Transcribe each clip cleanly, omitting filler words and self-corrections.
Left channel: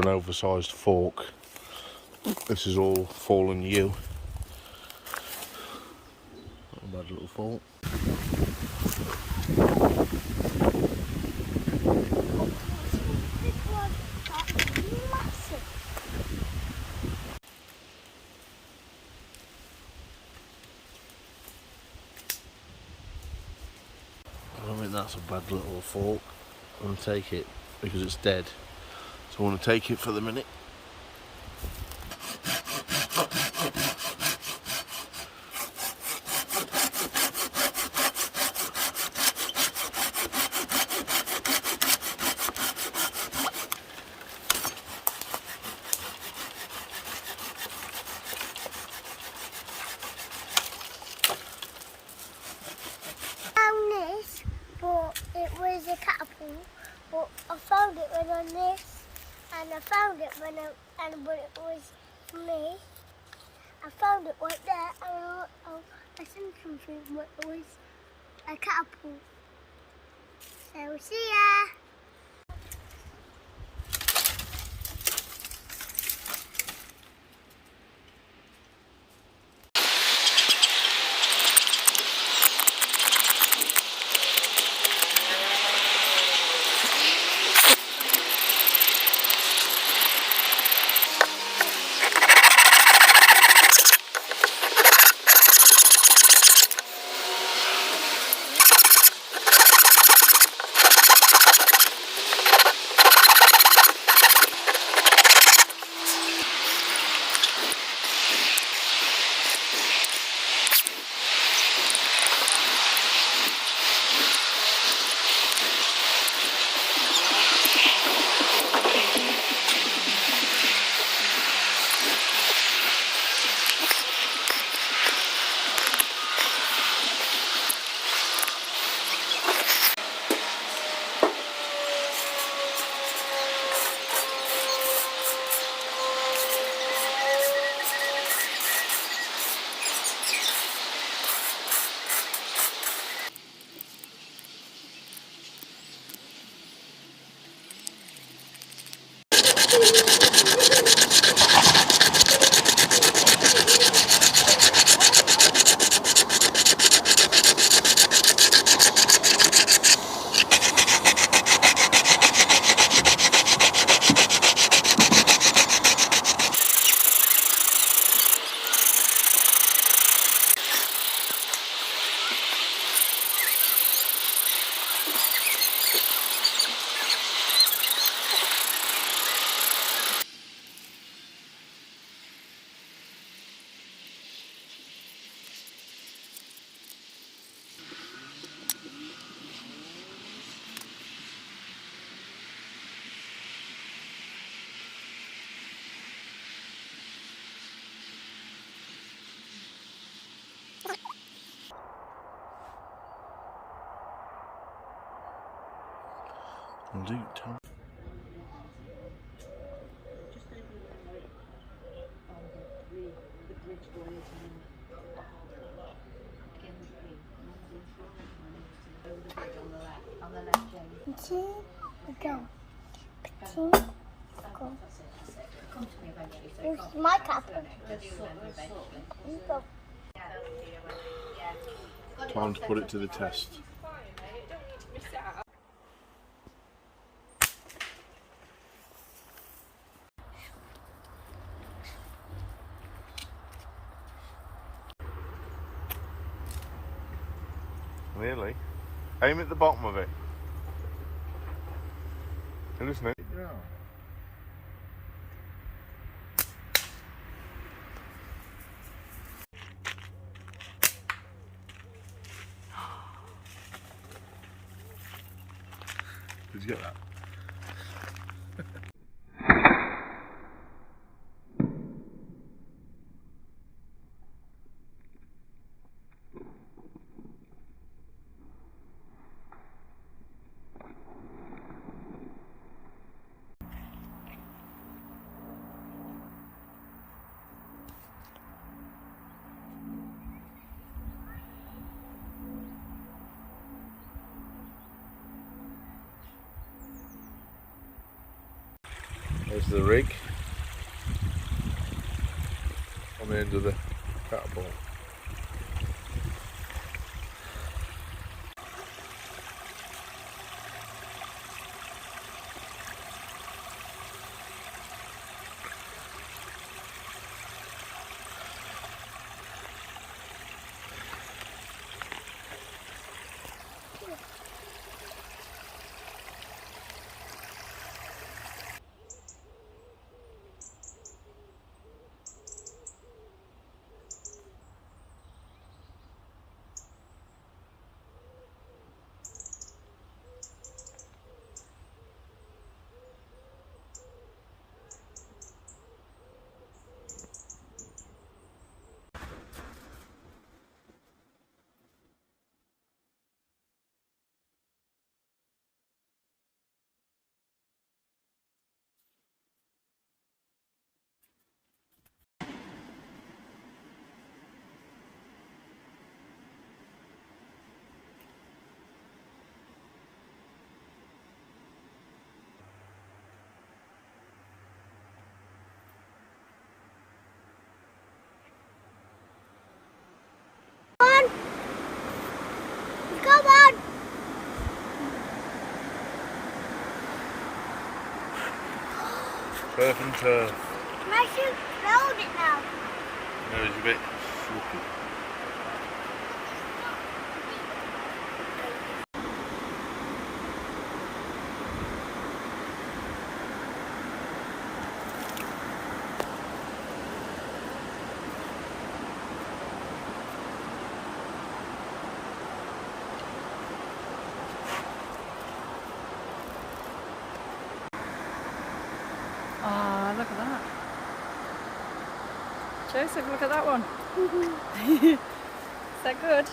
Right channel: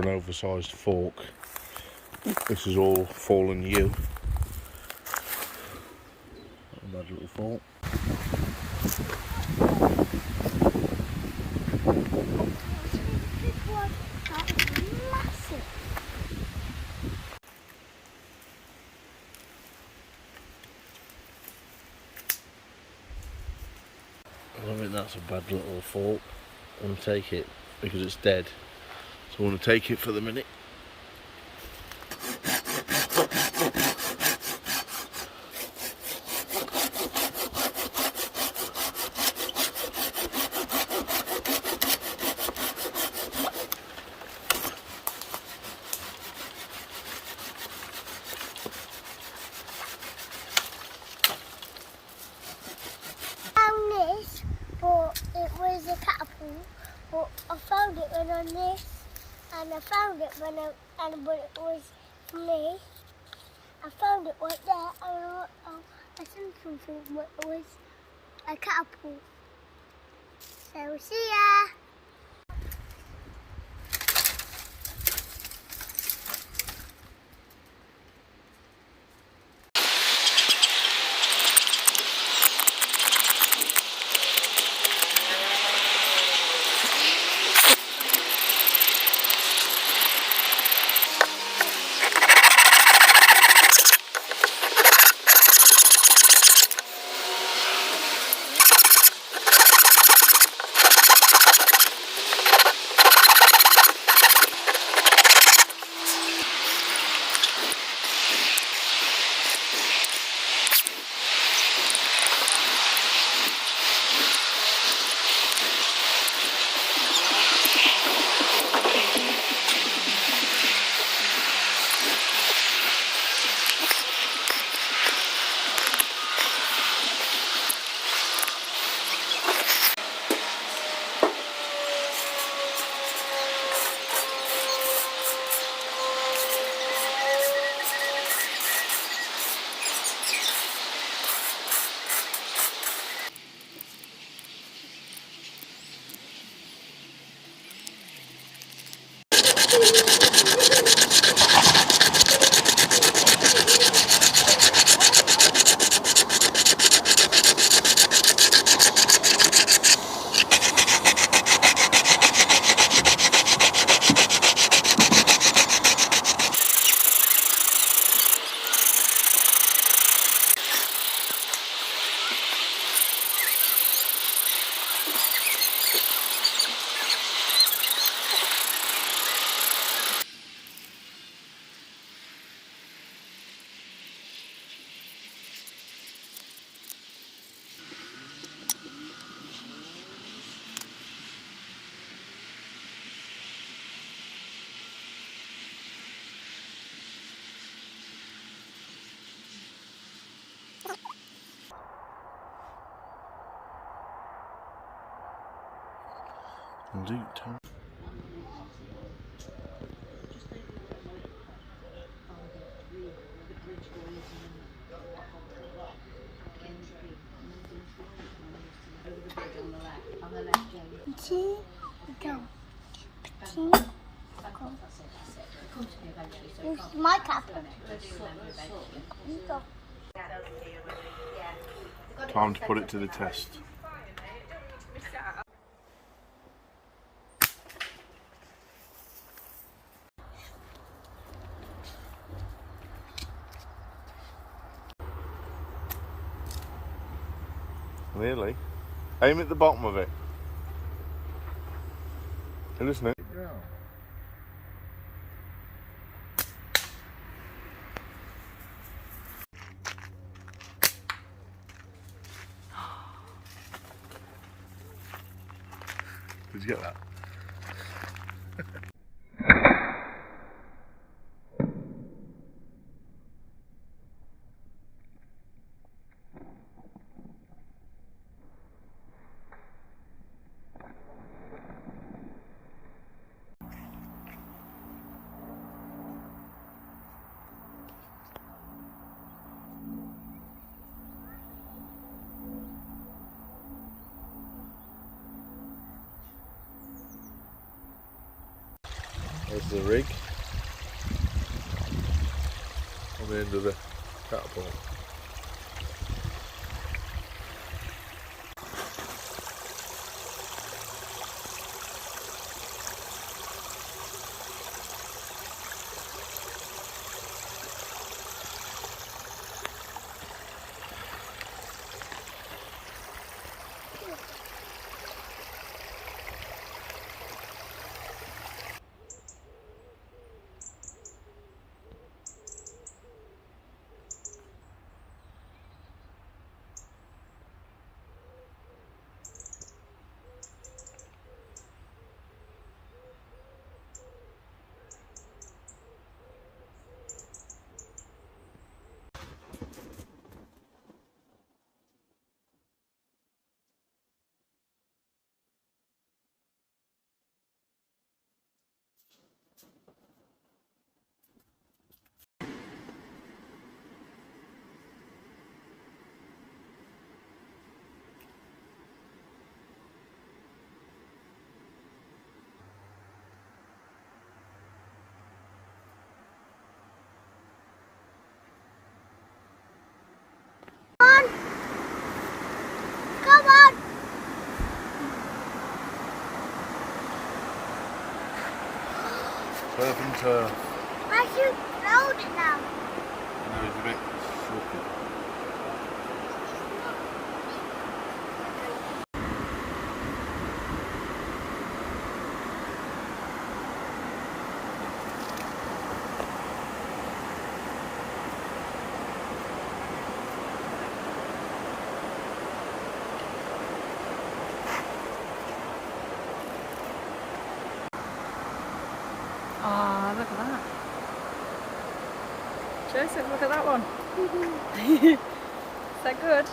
for an oversized fork. This is all fallen yew. Not a bad little fork. I don't think that's a bad little fork. I'm going to take it because it's dead. So I want to take it for the minute. But it was a catapult, but I found it when on this, and I found it when but it was for me. I found it right there, and I seen something, but it was a catapult. So see ya. I'll do tell. Petit, go. Petit, go. It's my catapult. You go. Time to put it to the test. Really? Aim at the bottom of it. Isn't it? Yeah. Did you get that? There's the rig on the end of the catapult. Come on! Turf and turf. Matthew, hold it now. Now it's a bit sloppy. Ah, look at that. Joseph, look at that one. Is that good?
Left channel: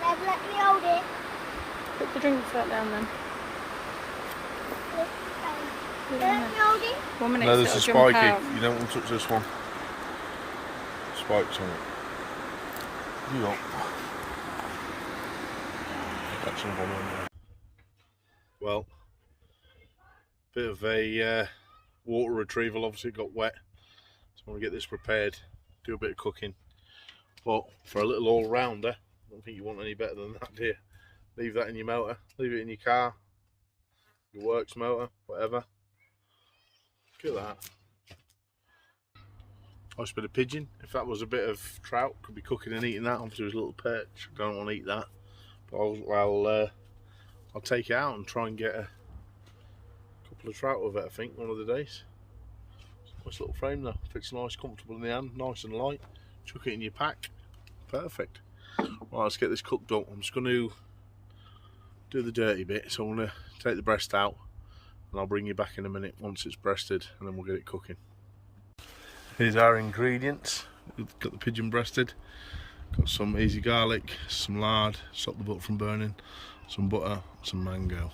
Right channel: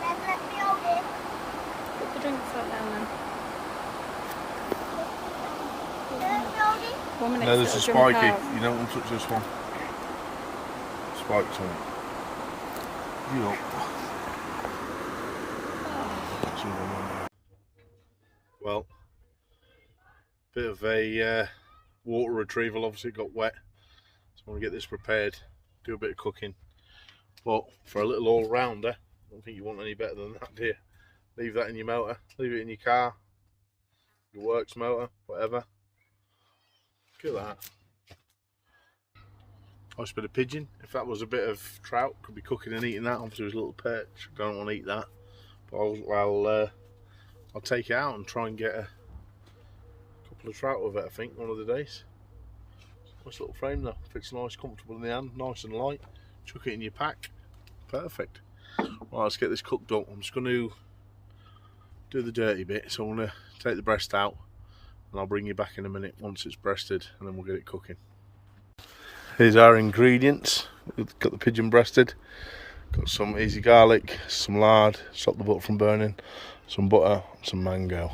Dad, let me hold it. Put the drink set down then. Put it down Let me there. hold it. 1 minute, No, so this it'll is jump spiky. out. You don't want to touch this one. Spikes on it. You don't. Catching one on there. Well, bit of a water retrieval. Obviously, it got wet. So I want to get this prepared. Do a bit of cooking. But for a little all-rounder, I don't think you want any better than that, do you? Leave that in your motor. Leave it in your car. Your works motor, whatever. Look at that. Nice bit of pigeon. If that was a bit of trout, could be cooking and eating that. Obviously, it was a little perch. Don't want to eat that. But I'll take it out and try and get a couple of trout with it, I think, one of the days. Nice little frame though. Fits nice, comfortable in the hand, nice and light. Chuck it in your pack. Perfect. Right, let's get this cooked up. I'm just going to do the dirty bit. So I'm going to take the breast out and I'll bring you back in a minute once it's breasted and then we'll get it cooking. Here's our ingredients. We've got the pigeon breasted. Got some easy garlic, some lard, stop the butter from burning, some butter, some mango.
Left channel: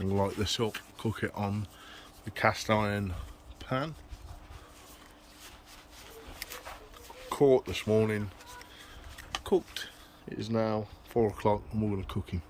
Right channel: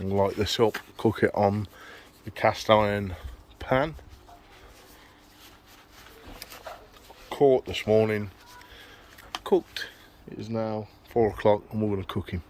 And light this up, cook it on the cast iron pan. Caught this morning, cooked. It is now 4 o'clock and we're going to cook him.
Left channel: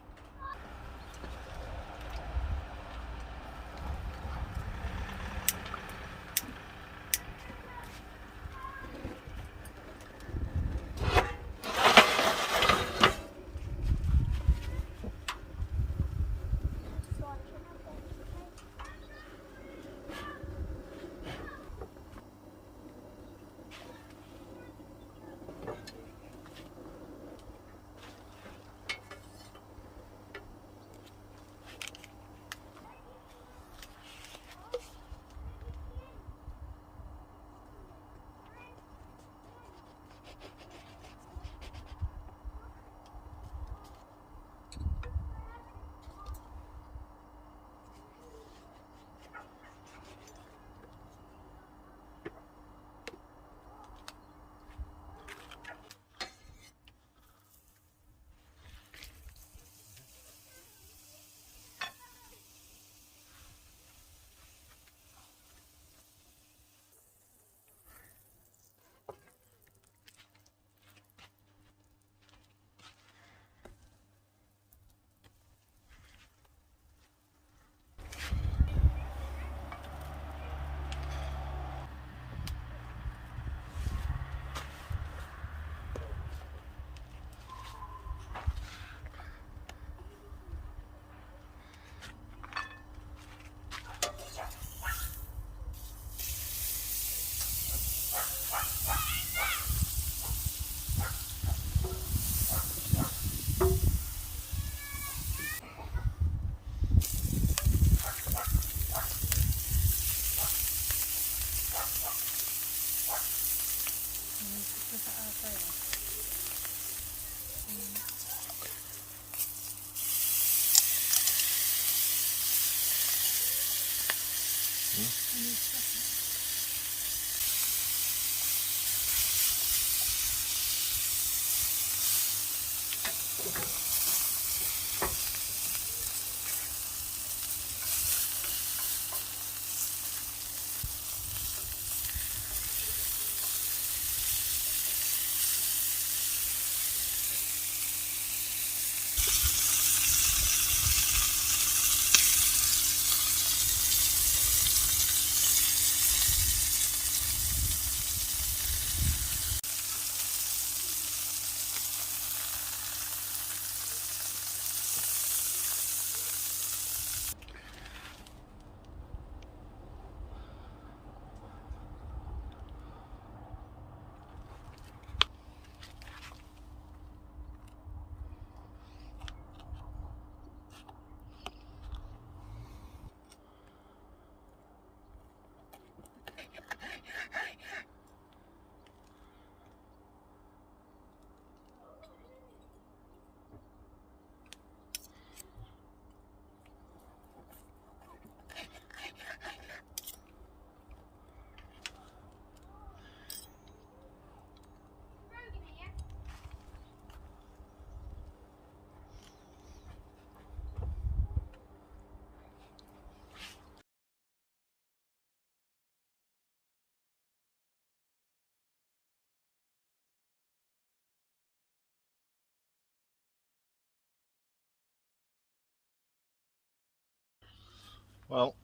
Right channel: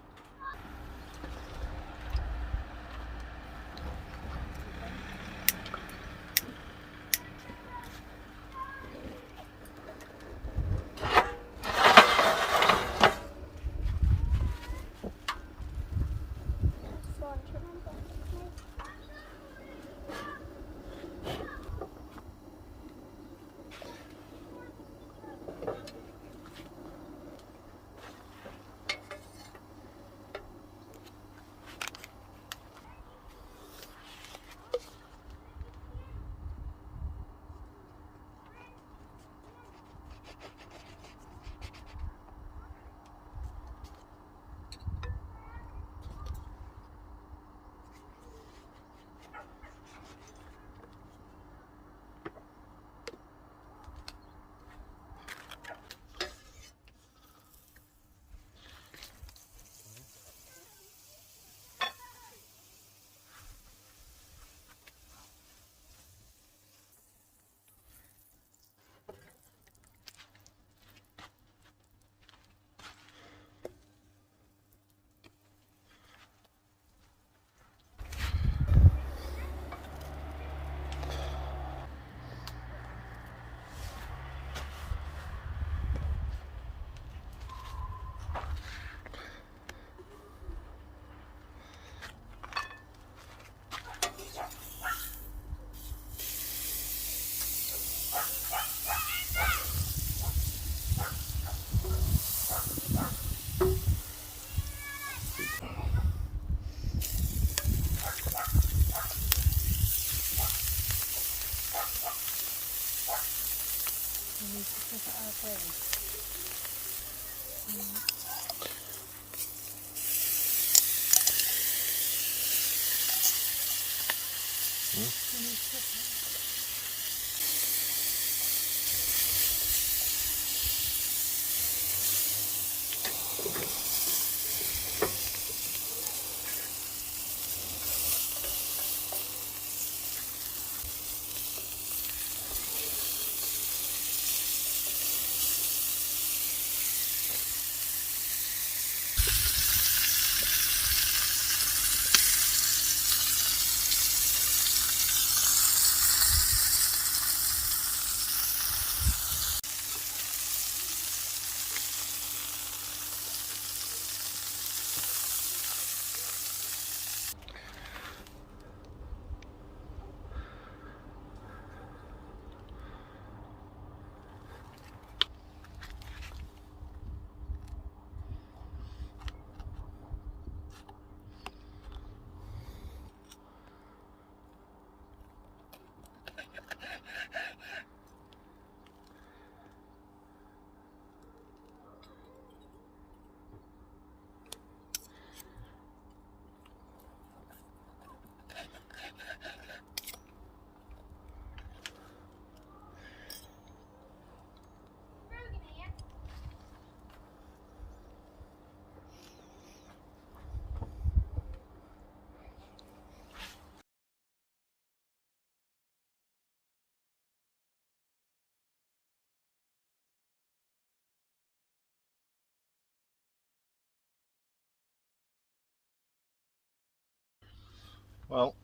Well,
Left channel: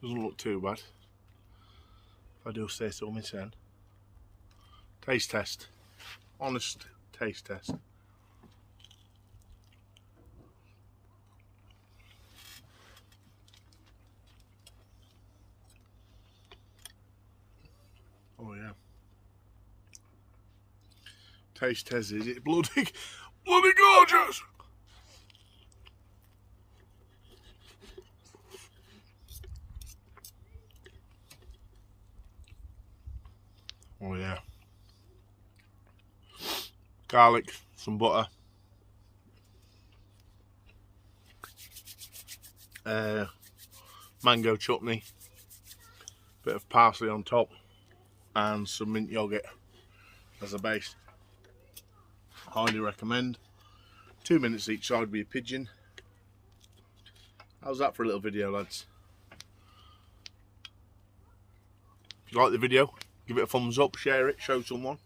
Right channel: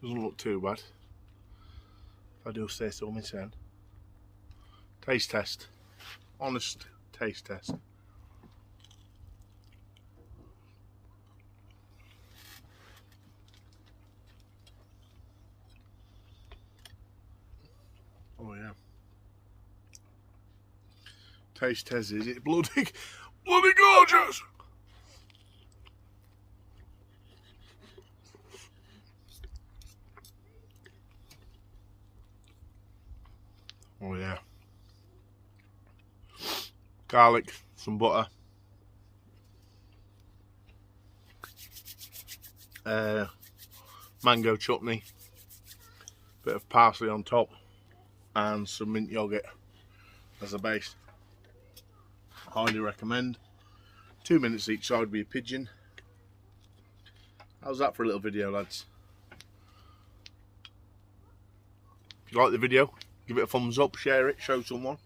doesn't look too bad, if I do say so myself. Taste test. Honest taste test. Oh yeah. Taste test, is it bloody gorgeous? Oh yeah. Garlic, some butter. Mango chutney. Bit of parsley on top. And some mint yogurt as a base. Highly recommend. 2 minutes each side with your pigeon. How's that for a little video, lads? If you like the video, give it a thumbs up, share it, show someone.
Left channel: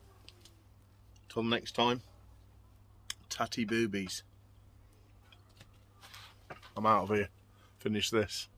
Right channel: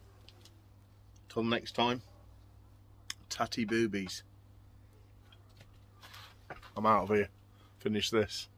Till next time, tatty boobies. I'm out of here. Finish this.